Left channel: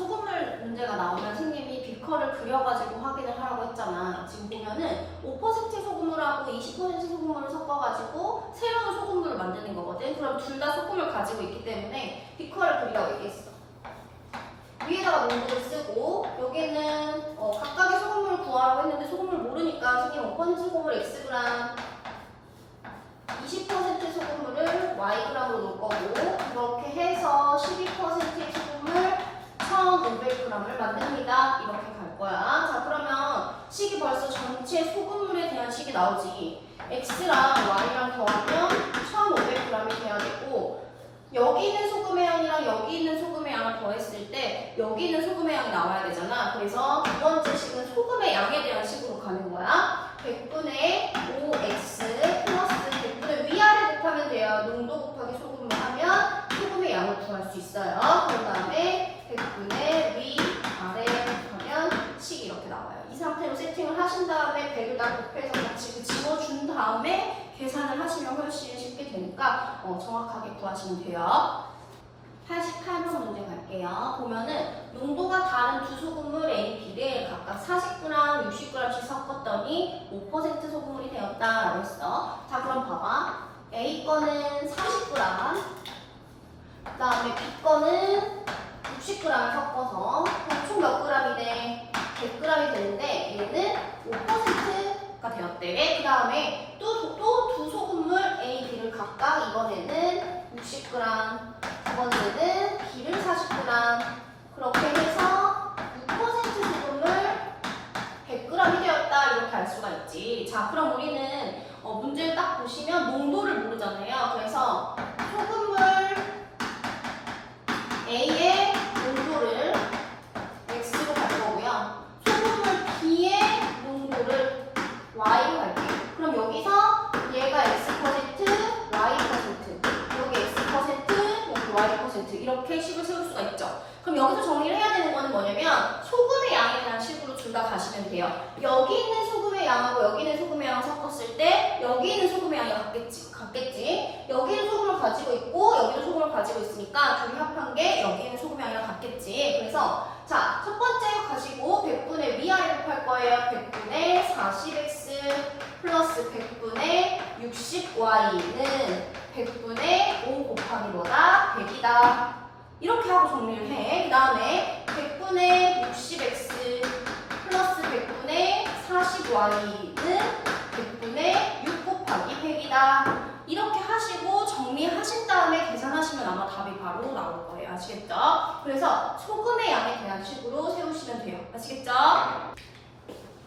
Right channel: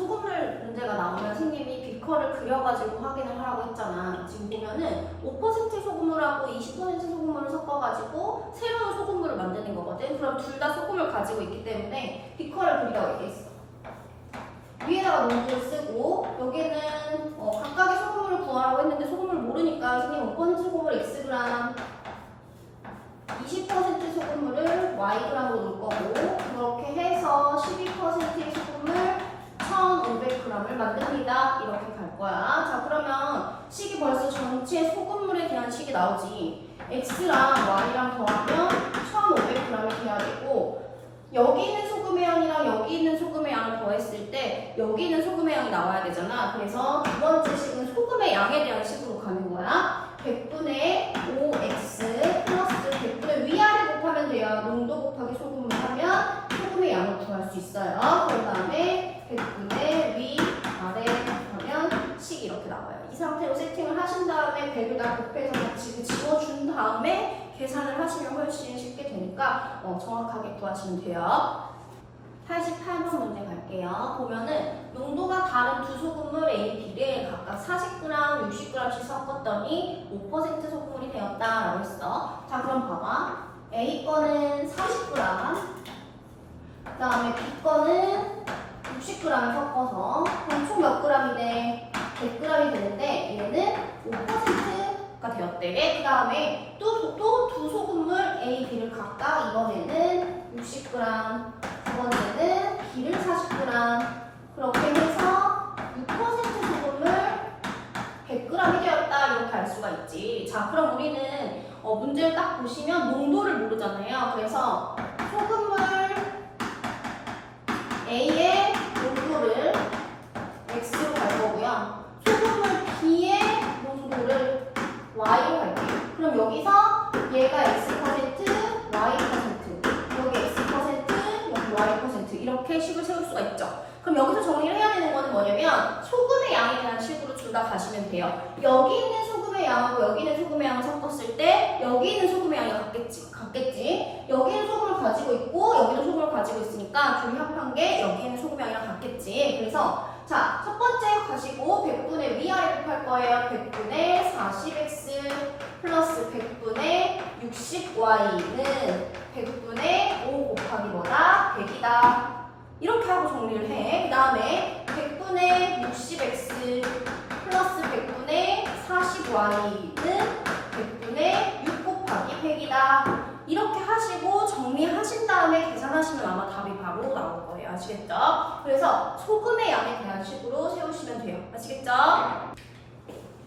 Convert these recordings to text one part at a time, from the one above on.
소금물 문제가 나오면 선생님이 비커를 그려가지고 확인을 하라고 했잖아. 지금 보면은 5% 소금물하고 20% 소금물을 섞어가지고 새로운 소금물을 만드는 거거든. 그럼 둘 다 소금을 가지고 있기 때문에 비커를 그리라고 얘기했어. 위에다가 농도를 쓰고 여기는 각각의 소금물을 구하라고 했는데 소금물 모르니까 선생님 5% 소금물 Xg 20% 소금물을 Yg으로 놓을 거고 이렇게 해서 12%의 소금물 1500g을 만듭니다. 이렇게 갈 거야. 자, 그러면 식이 벌써 전체 소금물에 대한 식이 나오지. X랑 Y랑 더하면 1500g이 돼야 되고 여기 있는 소금의 양이랑 여기 있는 소금의 양을 더했을 때 여기 있는 소금의 양이 나와야 되잖아. 그래서 두 번째 식은 소금의 양에 대한 식으로 가는 거야. 100분의 5x 플러스 100분의 위아래 곱하면 돼요. 농도 곱하기 소금을 하면 소금의 양을 구할 수 있어요. 그 다음에 100분의 위아래 곱하면 식이 이렇게 나와요. 이 상태로 세팅을 하신 다음에 100을 다 곱해서 같이 지워준 다음에 계산을 하시면 훨씬 쉽게 되니까 정확하게 구하시면 돼요. 88번 문제 갈게요. 보면은 농도가 다른 두 소금물 A, B를 각각 40g, 60g씩 섞었더니 5% 소금물이 되었다라고 했어. 자, 그럼 봐봐. A 거는 40g, 그 다음에 B 거는 60g을 섞어서 그럼 총 몇 g이 돼? 100g이 되는데 얘는 5%가 되었대. 그 다음에 또 두 소금물 A, B를 각각 이번에는 60g, 두 번째는 B를 40g 그렇게 해서 6% 소금물 100g이 되었다 이렇게 알 수가 있지. 자, 그럼 우리는 문제를 딱 보시면 농도를 모르잖아요. 그래서 소금물 A의 농도를 X로 갈 거고요. 소금물 B의 농도를 Y로 갈게요. 그럼 여기서 얘가 X%, Y%, 여기 X%, 여기 Y% 이렇게 식을 세울 수가 있죠. 그럼 여기서 정리를 해야 되는 거는 뭐냐면 소금의 양에 대한 식으로 둘 다 가시면 돼요. 여기 있는 소금의 양하고 여기 있는 소금의 양을 섞었을 때 여기 있는 소금의 양이 같겠지. 여기는 소금을 가지고 있고 여기도 소금을 가지고 있으니까 둘이 합한 게 여기 있는 소금의 양이랑 같겠지. 그래서 자, 첫 번째 가시고 100분의 위아래 곱할 거예요. 100분의 40x 플러스 100분의 60y는 100분의 5 곱하기 뭐다? 100이다. 이렇게 하고 정리를 해. 그 다음에 100분의 60x 플러스 100분의 40y는 100분의 6 곱하기 100이다. 이렇게 하시고 정리하신 다음에 계산하시면 아마 답이 바로 나올 거예요. 아시겠죠? 그래서 소금의 양에 대한 식으로 세우시면 돼요. 아시겠죠?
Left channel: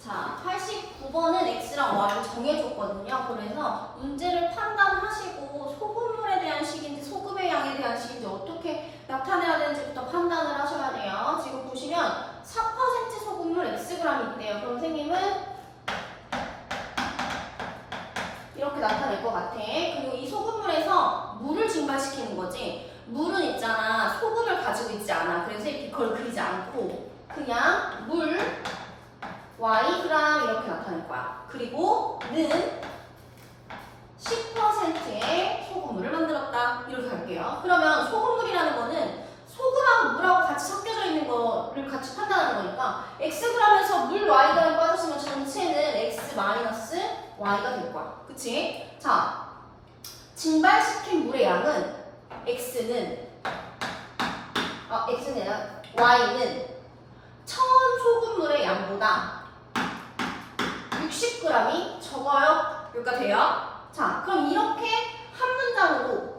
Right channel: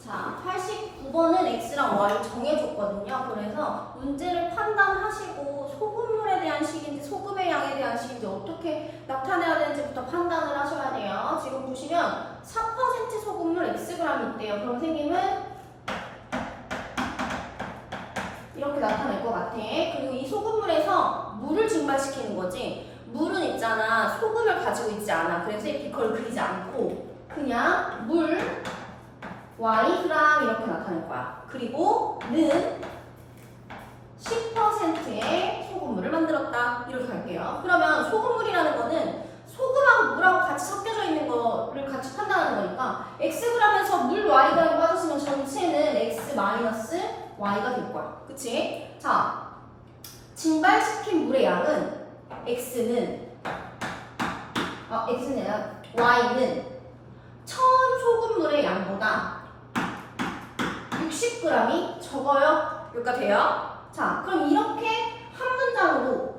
자, 89번은 X랑 Y를 정해줬거든요. 그래서 문제를 판단하시고 소금물에 대한 식인지 소금의 양에 대한 식인지 어떻게 나타내야 되는지부터 판단을 하셔야 돼요. 지금 보시면 4% 소금물 Xg이 있대요. 그럼 선생님은 이렇게 나타낼 것 같아. 그리고 이 소금물에서 물을 증발시키는 거지. 물은 있잖아. 소금을 가지고 있지 않아. 그래서 비커를 그리지 않고 그냥 물 Yg 이렇게 나타낼 거야. 그리고 는 10%의 소금물을 만들었다. 이렇게 갈게요. 그러면 소금물이라는 거는 소금하고 물하고 같이 섞여져 있는 거를 같이 판단하는 거니까 Xg에서 물 Yg가 빠졌으면 전체는 X 마이너스 Y가 될 거야. 그치? 자, 증발시킨 물의 양은 X는 Y는 처음 소금물의 양보다 60g이 적어요. 여기가 돼요? 자, 그럼 이렇게 한 문장으로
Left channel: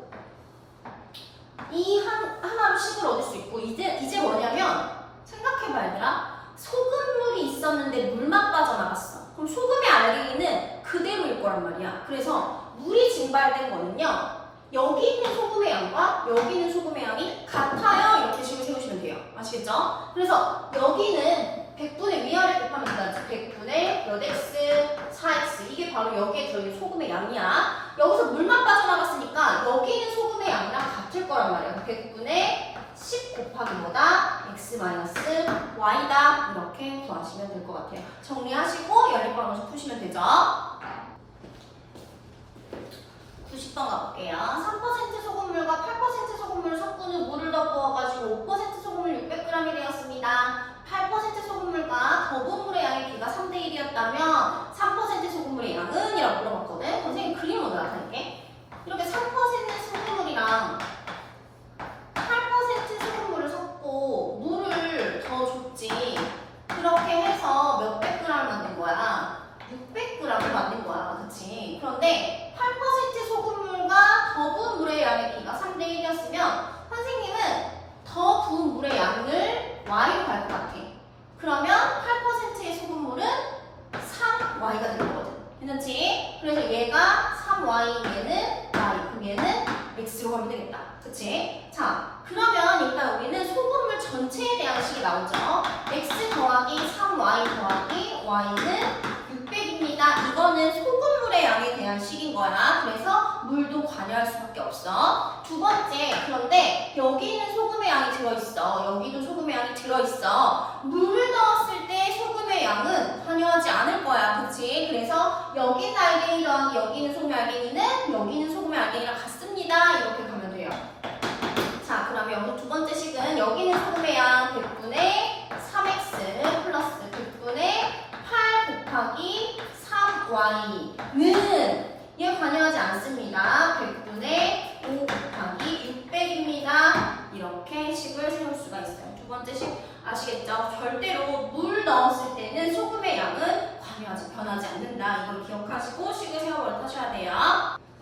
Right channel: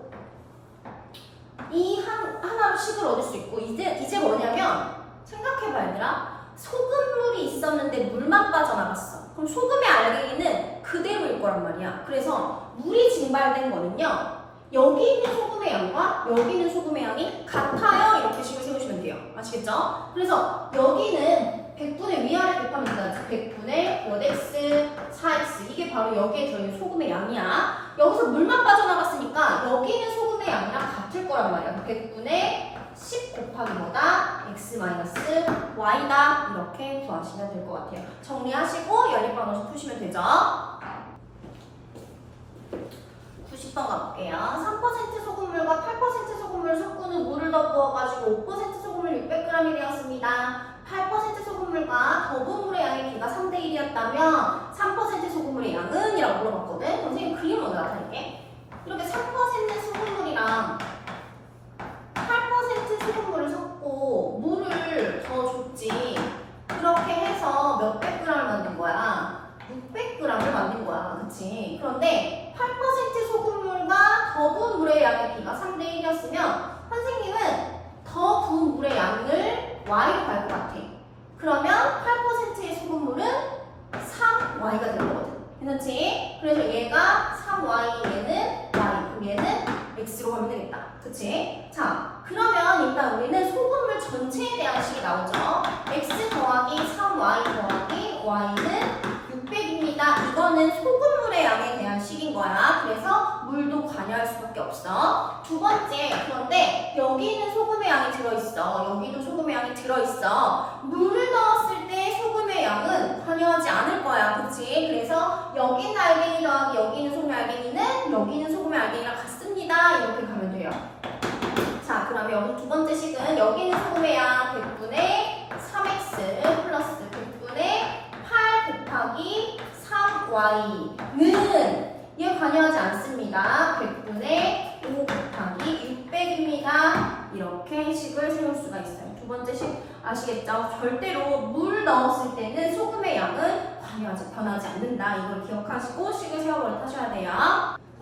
이 하나로 식을 얻을 수 있고 이제 뭐냐면 생각해봐 얘들아. 소금물이 있었는데 물만 빠져나갔어. 그럼 소금의 알갱이는 그대로일 거란 말이야. 그래서 물이 증발된 거는요. 여기 있는 소금의 양과 여기 있는 소금의 양이 같아요. 이렇게 식을 세우시면 돼요. 아시겠죠? 그래서 여기는 100분의 위아래 곱하면 된다. 100분의 몇 x, 4x 이게 바로 여기에 들어있는 소금의 양이야. 여기서 물만 빠져나갔으니까 여기 있는 소금의 양이랑 같을 거란 말이야. 100분의 10 곱하기 뭐다? x 마이너스 y다. 이렇게 구하시면 될 것 같아요. 정리하시고 연립방정식 푸시면 되죠. 90번 가볼게요. 3% 소금물과 8% 소금물을 섞은 후 물을 더 부어가지고 5% 소금물 600g이 되었습니다. 소금물과 더분물의 양의 비가 3대 1이었다면 3% 소금물의 양은? 이라고 물어봤거든. 선생님 그림으로 나타낼게. 이렇게 3% 소금물이랑 8% 소금물을 섞고 물을 더 줬지. 그렇게 해서 몇백 g을 만든 거야? 600g을 만든 거야. 그치? 그런데 8% 소금물과 더 부은 물의 양의 비가 3대 1이었으면 선생님은 더 부은 물의 양을 y로 갈 것 같아. 그러면 8%의 소금물은 3y가 되는 거거든. 괜찮지? 그래서 얘가 3y, 얘는 y. 그럼 얘는 x로 가면 되겠다. 그치? 자, 그러면 일단 우리는 소금물 전체에 대한 식이 나오죠. x 더하기 3y 더하기 y는 600입니다. 이거는 소금물의 양에 대한 식인 거야. 그래서 물도 관여할 수밖에 없어. 두 번째, 그런데 여기는 소금의 양이 들어있어. 여기도 소금의 양이 들어있어. 물을 넣었을 때 소금의 양은 관여하지 않을 거야. 그치? 그래서 여기는 알갱이 더하기 여기는 소금의 알갱이는 여기는 소금의 알갱이랑 같습니다. 이렇게 가면 돼요. 자, 그러면 여기 두 번째 식은 여기는 소금의 양 100분의 3x 플러스 100분의 8 곱하기 3y는 얘 관여하지 않습니다. 100분의 5 곱하기 600입니다. 이렇게 식을 세울 수가 있어요. 두 번째 식 아시겠죠? 절대로 물 넣었을 때는 소금의 양은 변하지 않는다. 이걸 기억하시고 식을 세워버려 하셔야 돼요.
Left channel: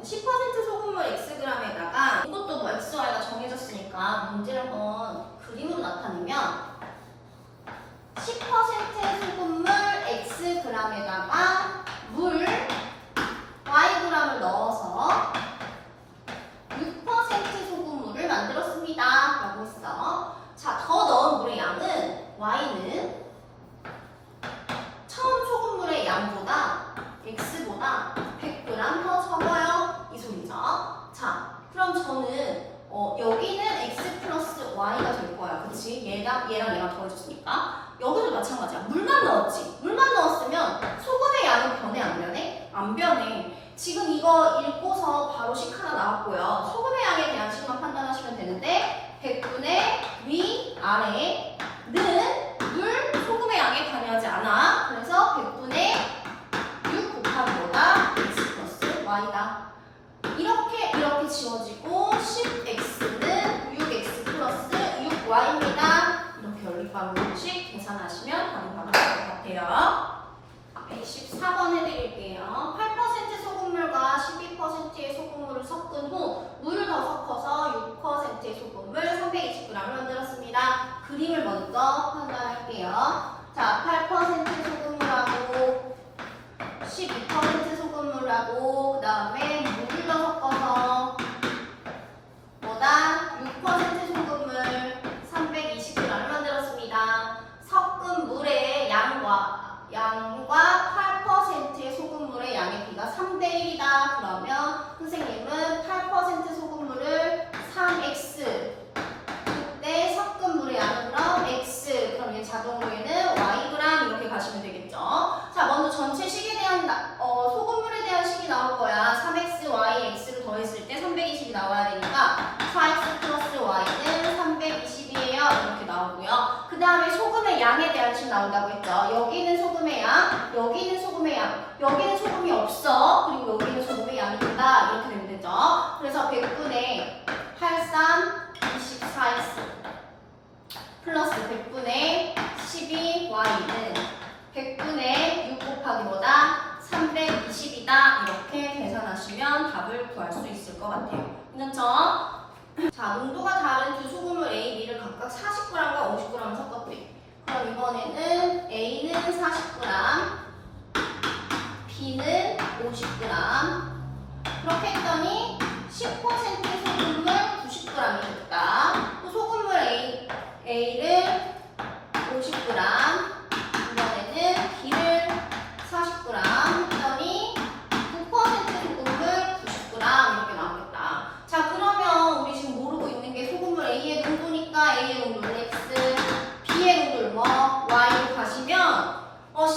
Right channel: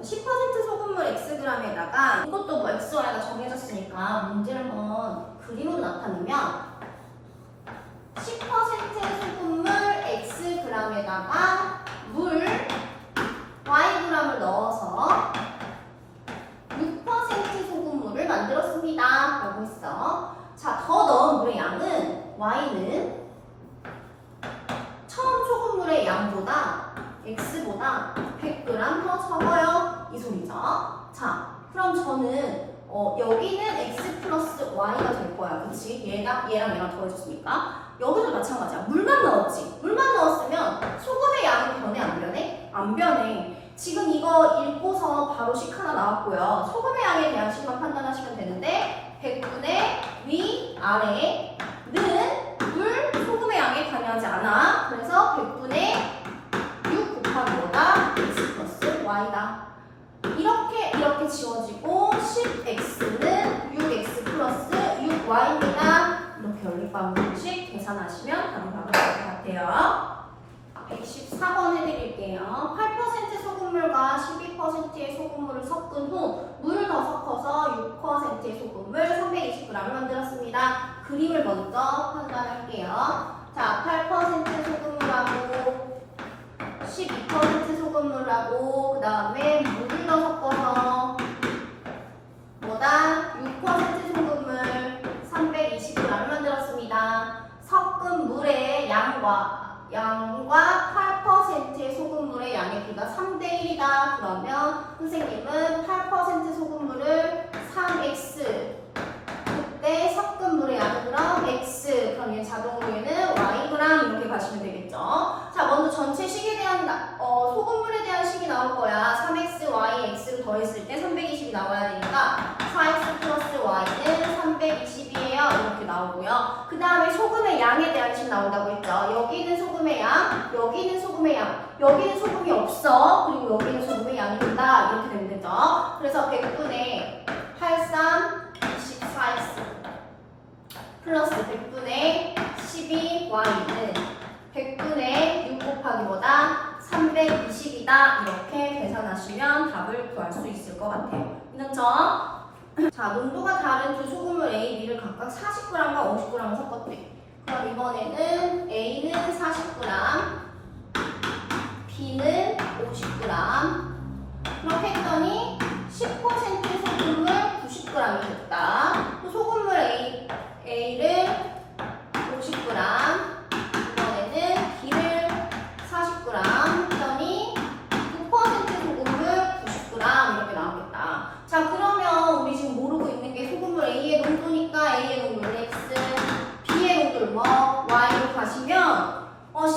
10% 소금물 xg에다가 이것도 뭐 x, y가 정해졌으니까 문제를 한번 그림으로 나타내면 10% 소금물 xg에다가 물 yg을 넣어서 6% 소금물을 만들었습니다. 라고 했어. 자, 더 넣은 물의 양은 y는 처음 소금물의 양보다 x보다 100g 더 적어요. 이 소리죠. 자, 그럼 저는 여기는 x 플러스 y가 될 거야. 그치? 얘랑 더해줬으니까. 여기도 마찬가지야. 물만 넣었지. 물만 넣었으면 소금의 양은 변해 안 변해? 안 변해. 지금 이거 읽고서 바로 식 하나 나왔고요. 소금의 양에 대한 식만 판단하시면 되는데 100분의 위, 아래는 물, 소금의 양에 관여하지 않아. 그래서 100분의 6 곱하기 뭐다? x 플러스 y다. 이렇게 지워지고 10x는 6x 플러스 6y입니다. 이렇게 연립 방정식 계산하시면 답은 나올 것 같아요. 114번 해드릴게요. 8% 소금물과 12%의 소금물을 섞은 후 물을 더 섞어서 6%의 소금물 320g을 만들었습니다. 그림을 먼저 판단할게요. 자, 8% 소금물하고 12% 소금물하고 그 다음에 물을 더 섞어서 뭐다? 6% 소금물 320g을 만들었습니다. 섞은 물의 양과 8%의 소금물의 양의 비가 3대 1이다. 그러면 선생님은 8% 소금물을 3x 그때 섞은 물의 양은 그럼 x 그럼 얘 자동으로 얘는 yg 이렇게 가시면 되겠죠. 자, 먼저 전체 식에 대한 소금물에 대한 식이 나올 거야. 3x, y, x를 더했을 때 320이 나와야 되니까 4x 플러스 y는 320이에요. 이렇게 나오고요. 그 다음에 소금의 양에 대한 식 나온다고 했죠. 여기는 소금의 양, 여기는 소금의 양, 여기는 소금이 없어. 그리고 여기는 소금의 양이 된다. 이렇게 되면 되죠. 그래서 100분의 83, 24x 플러스 100분의 12y는 100분의 6 곱하기 뭐다? 320이다. 이렇게 계산하시면 답을 구할 수 있을 것 같아요. 괜찮죠? 자, 농도가 다른 두 소금물 A, B를 각각 40g과 50g을 섞었대. 그럼 이번에는 A는 40g, B는 50g. 그렇게 했더니 10% 소금물 90g이 됐다. 또 소금물 A를 50g, 이번에는 B를 40g 했더니 9% 소금물 90g 이렇게 나오겠다. 자, 그러면 우리 지금 모르고 있는 게 소금물 A의 농도니까 A의 농도를 X, B의 농도를 뭐 Y로 가시면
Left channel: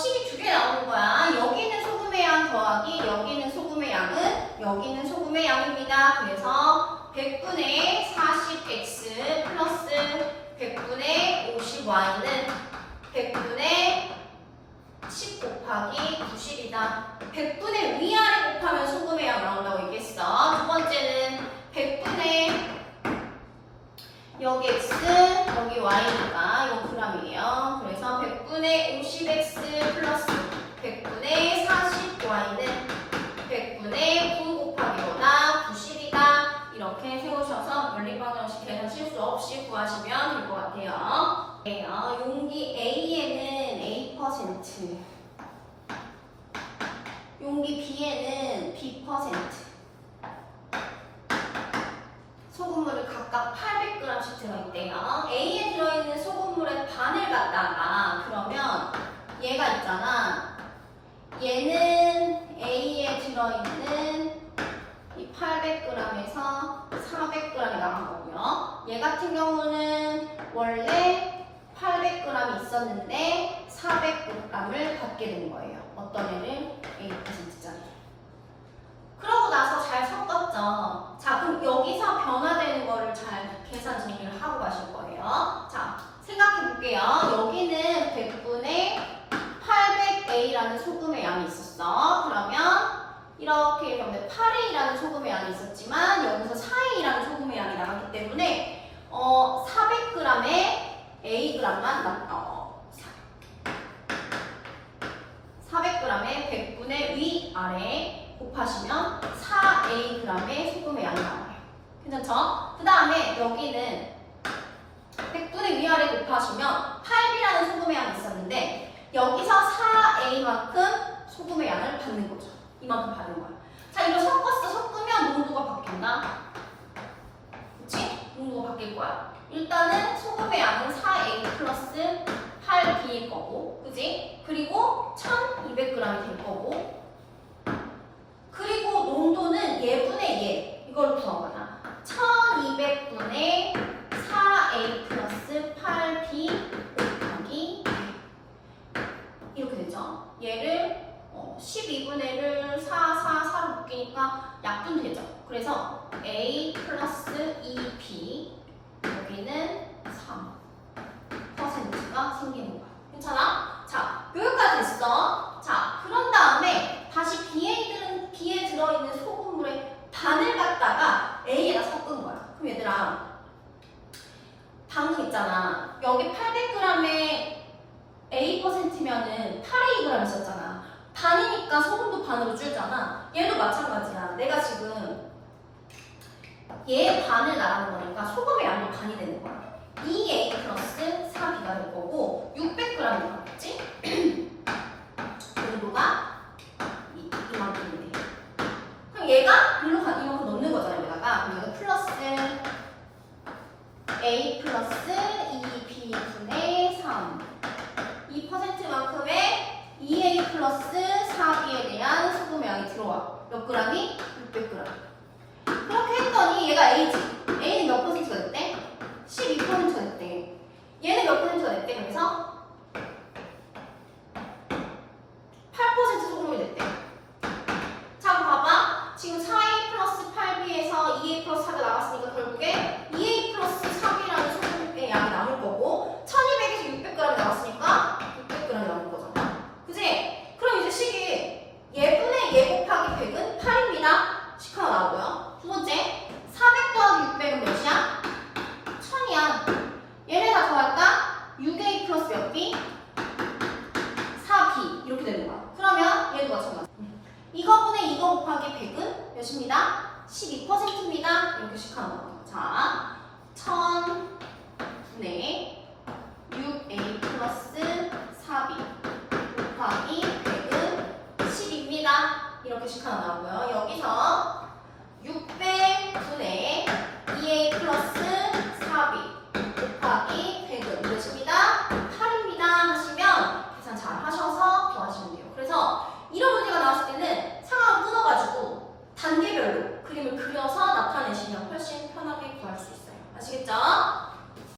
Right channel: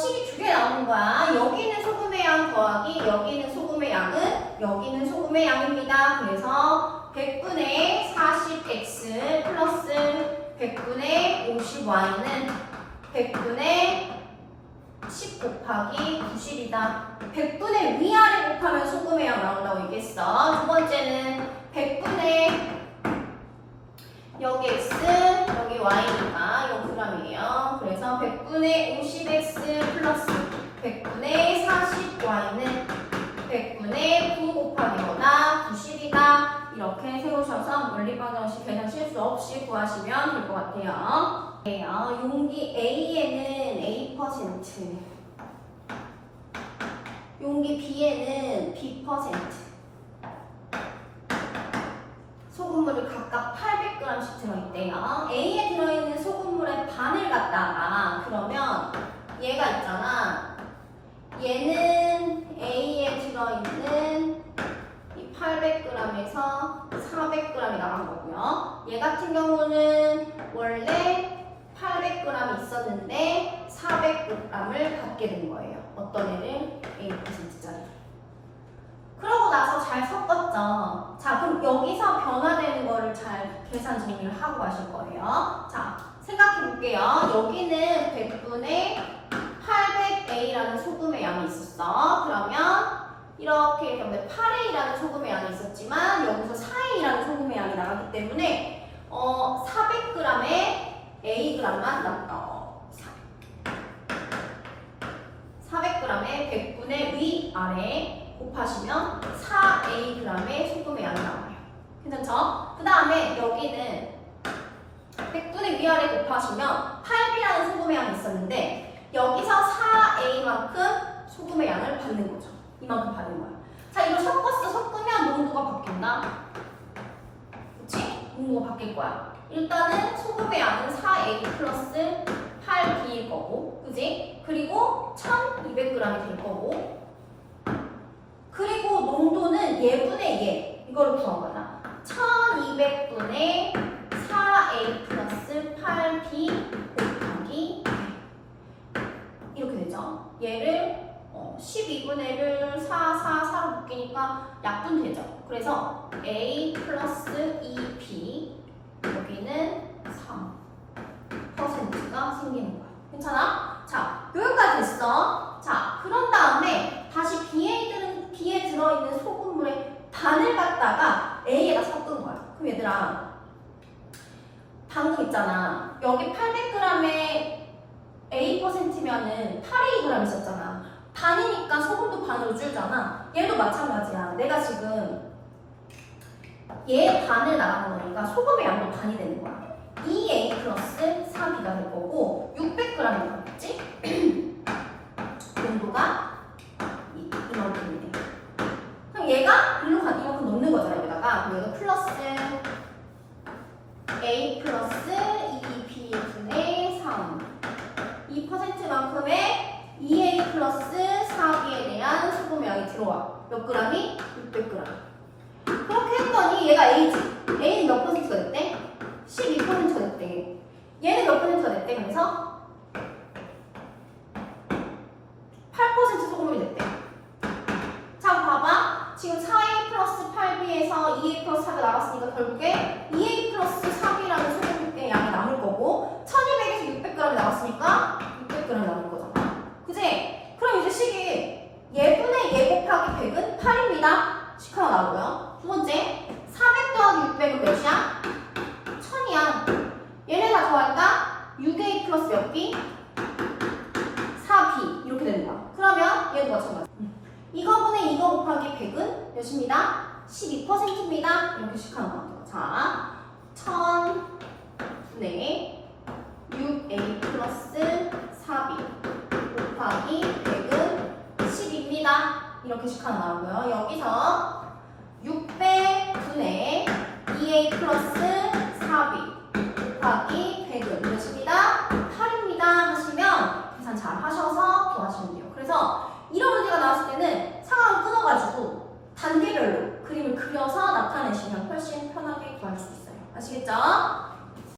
식이 두 개 나오는 거야. 여기는 소금의 양 더하기 여기는 소금의 양은 여기는 소금의 양입니다. 그래서 100분의 40x 플러스 100분의 50y는 100분의 10 곱하기 90이다. 100분의 위아래 곱하면 소금의 양 나온다고 얘기했어. 두 번째는 100분의 여기 x, 여기 y니까 이거 g이에요. 그래서 100분의 50x 플러스 100분의 40y는 100분의 9 곱하기보다 90이다. 이렇게 세우셔서 원리방정식 계산 실수 없이 구하시면 될 것 같아요. 용기 A에는 A%, 용기 B에는 B%, 소금물을 각각 800g씩 들어있대요. A에 들어있는 소금물의 반을 갖다가 그러면 얘가 있잖아. 얘는 A에 들어있는 이 800g에서 400g이 나간 거고요. 얘 같은 경우는 원래 800g 있었는데 400g을 받게 된 거예요. 어떤 애를? A%짜리. 그러고 나서 잘 섞었죠. 자, 그럼 여기서 변화되는 거를 잘 계산 정리를 하고 가실 거예요. 자, 생각해 볼게요. 여기는 100분의 800A라는 소금의 양이 있었어. 그러면 이렇게 8A라는 소금의 양이 있었지만 여기서 4A라는 소금의 양이 나갔기 때문에 400g에 Ag만 남았다. 400g에 100분의 위아래 곱하시면 4Ag의 소금의 양이 나와요. 괜찮죠? 그 다음에 여기는 100분의 위아래 곱하시면 8B라는 소금의 양이 있었는데 여기서 4A만큼 소금의 양을 받는 거죠. 이만큼 받은 거야. 자, 이거 섞으면 농도가 바뀐다. 그치? 농도가 바뀔 거야. 일단은 소금의 양은 4A 플러스 8B일 거고, 그지? 그리고 1200g이 될 거고, 그리고 농도는 얘분의 얘, 이걸 구하거나 1200분의 4A 플러스 8B 곱하기 이렇게 되죠. 얘를 12분의 1을 4로 묶이니까 약분 되죠. 그래서 A 플러스 2B 여기는 3%가 생기는 거야. 괜찮아? 자, 여기까지 됐어. 자, 그런 다음에 다시 B에 들어있는 소금물의 반을 갖다가 A에다 섞은 거야. 그럼 얘들아, 방금 있잖아. 여기 800g에 A%면은 8A g 있었잖아. 반이니까 소금도 반으로 줄잖아. 얘도 마찬가지야. 내가 지금 얘 반을 나가는 거니까 소금의 양도 반이 되는 거야. 2A 플러스 4B가 될 거고 600g이 되겠지? 농도가 이만큼이 돼. 그럼 얘가 이만큼 넣는 거잖아. 여기다가. 그럼 여기가 플러스 A 플러스 2B분의 3 2%만큼의 2A 플러스 4B에 대한 소금의 양이 들어와. 몇 g이? 600g. 그렇게 했더니 얘가 A지. A는 몇 %가 됐대? 12%가 됐대. 얘는 몇 %가 됐대? 그래서 8% 소금이 됐대. 자, 봐봐. 지금 4A 플러스 8B에서 2A 플러스 4가 나왔으니까 결국에 2A 플러스 4B라는 소금의 양이 남을 거고 1200에서 600g이 나왔으니까 600g 남을 거잖아. 그지? 그럼 이제 식이 얘분의 얘 곱하기 100은 8입니다. 식 하나 나오고요. 두 번째, 400 더하기 600은 몇이야? 1000이야. 얘네 다 더할까? 6A 플러스 몇 B? 4B. 이렇게 되는 거야. 그러면 얘도 마찬가지. 이거분의 이거 곱하기 100은 몇입니다? 12%입니다. 이렇게 식 하나 나와요. 자, 1000분의 6A 플러스 4B 곱하기 100은 10입니다. 이렇게 식 하나 나오고요. 여기서 600분의 2A 플러스 4B 곱하기 100은 몇입니다? 8입니다. 하시면 계산 잘 하셔서 구하시면 돼요. 그래서 이런 문제가 나왔을 때는 상황을 끊어가지고 단계별로 그림을 그려서 나타내시면 훨씬 편하게 구할 수 있어요. 아시겠죠?